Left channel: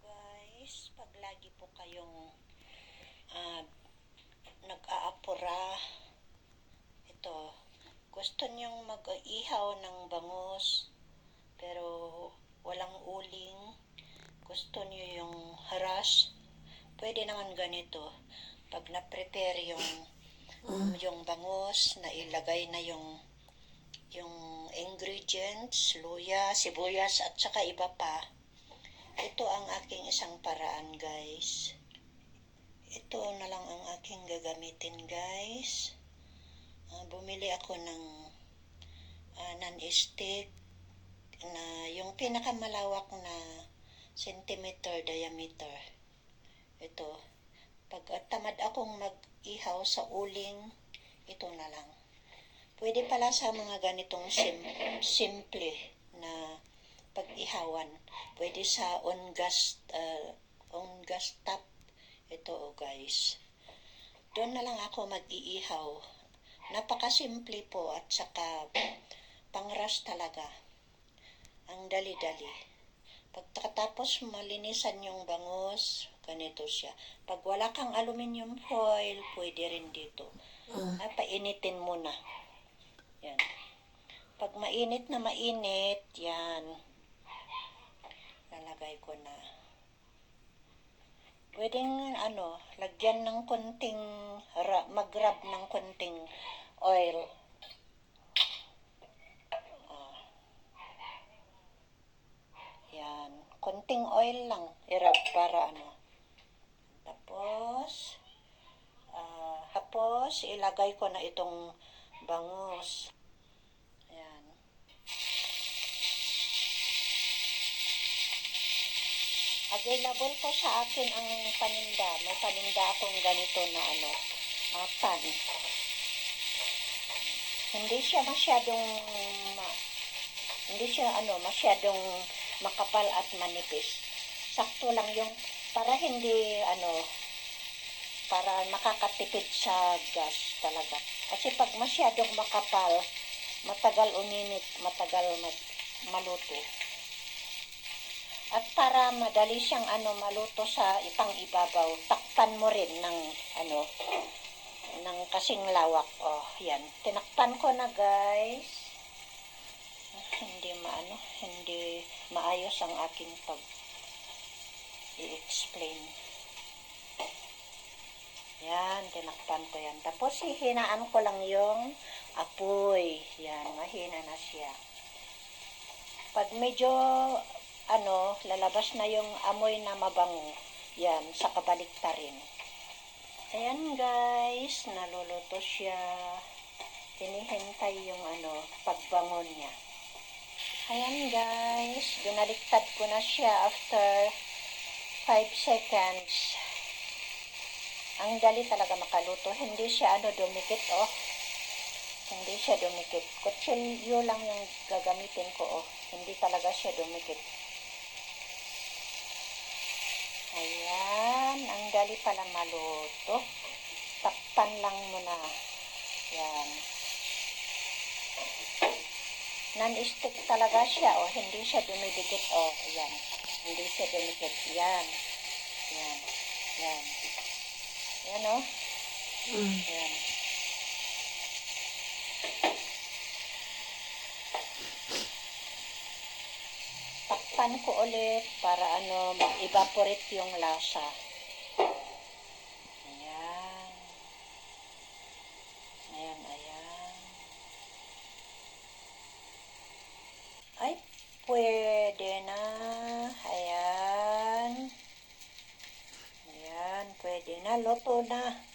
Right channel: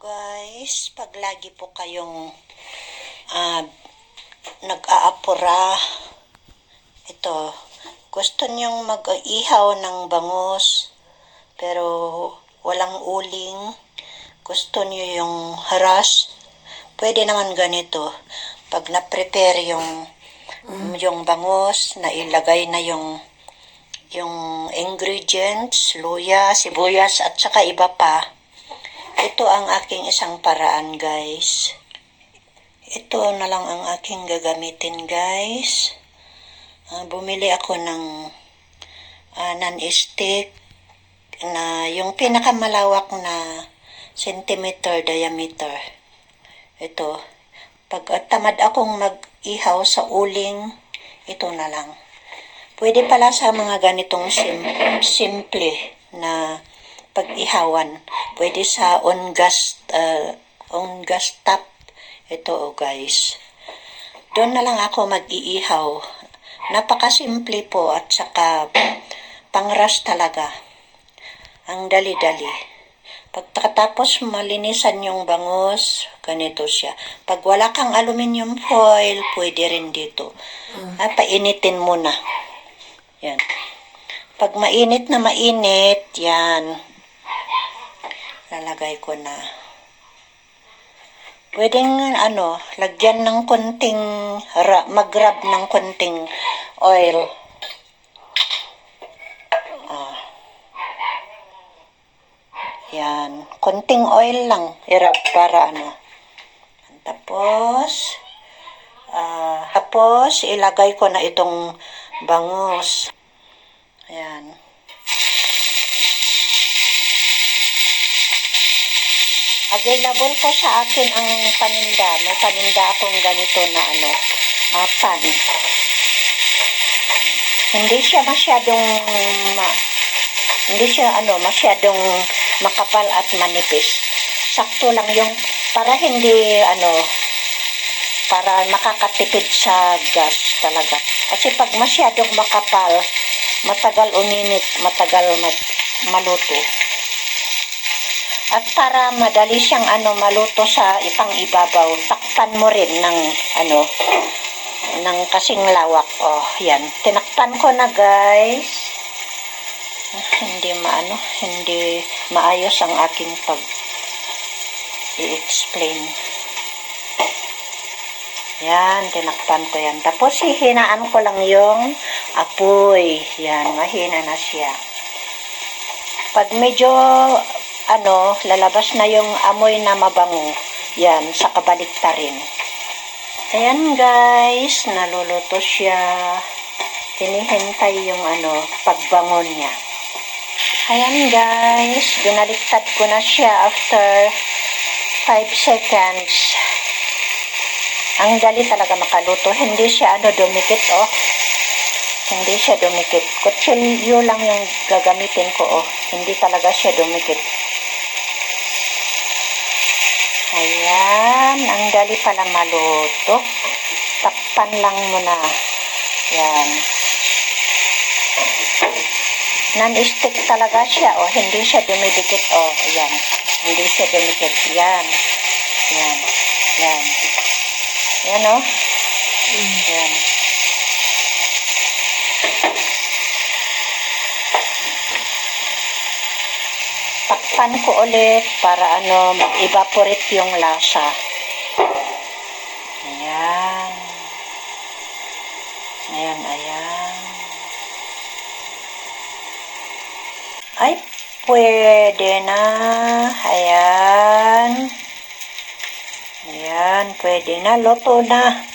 guys, pag lagi po kayong ah, nag-aapura, ito, gusto niyong mag-ihaw ng bangus, pero walang uling, gusto niyo yung haras, pwede naman ganito. Pag na-prepare yung, yung bangus, na ilagay na yung yung ingredients, luya, sibuyas, at saka iba pa. Ito ang aking isang paraan, guys. Ito na lang ang aking gagamitin, guys. Ah, bumili ako ng ah, non-stick na yung pinakamalawak na centimeter diameter. Ito. Pag ah, tamad akong mag-ihaw sa uling, ito na lang. Pwede pala sa mga ganitong sim- simple na pag-ihawan. Pwede sa on gas, uh, on gas top. Ito oh guys. Doon na lang ako mag-iihaw. Napakasimple po at saka pangras talaga. Ang dali-dali. Pagkatapos malinisan yung bangus, ganito siya. Pag wala kang aluminium foil, pwede rin dito. Ah, painitin muna. Yan. Pag mainit na mainit, yan. Lalagay ko na. Pwedeng, ano, lagyan ng konting, mag-rub ng konting oil. Ah. Yan. Konting oil lang. I-rub para ano. Tapos, ah, tapos, ilagay ko na itong bangus. Available po sa akin ang paninda. May paninda akong ganito na ano, ah, pan. Hindi siya masyadong ma, hindi siya ano, masyadong makapal at manipis. Sakto lang yung para hindi ano para makakatipid sa gas talaga. Kasi pag masyadong makapal, matagal uminit, matagal mag, maluto. At para madali siyang ano maluto sa ipang ibabaw, takpan mo rin ng ano ng kasing lawak. Oh, yan. Tinakpan ko na, guys. Hindi maano, hindi maayos ang aking pag i-explain. Yan, tinakpan ko yan. Tapos hihinaan ko lang yung apoy. Yan, mahina na siya. Pag medyo, ano, lalabas na yung amoy na mabango, yan, sa kabalikta rin. Ayan guys, naluluto siya. Hinihintay yung ano, pagbangon niya. Ayan guys, binaliktad ko na siya after 5 seconds. Ang dali talaga makaluto. Hindi siya ano dumikit oh. Hindi siya dumikit. Kutsilyo lang yung gagamitin ko oh. Hindi talaga siya dumikit. Ayan, ang dali pala maluto. Takpan lang muna. Yan. Non-stick talaga siya oh. Hindi siya dumidikit oh. Yan. Hindi siya dumikit. Yan. Yan. Yan. Yan o. Yan. Takpan ko ulit para ano, mag-evaporate yung lasa. Ayan. Ayan, ayan. Ay, pwede na. Ayan. Ayan, pwede na. Luto na.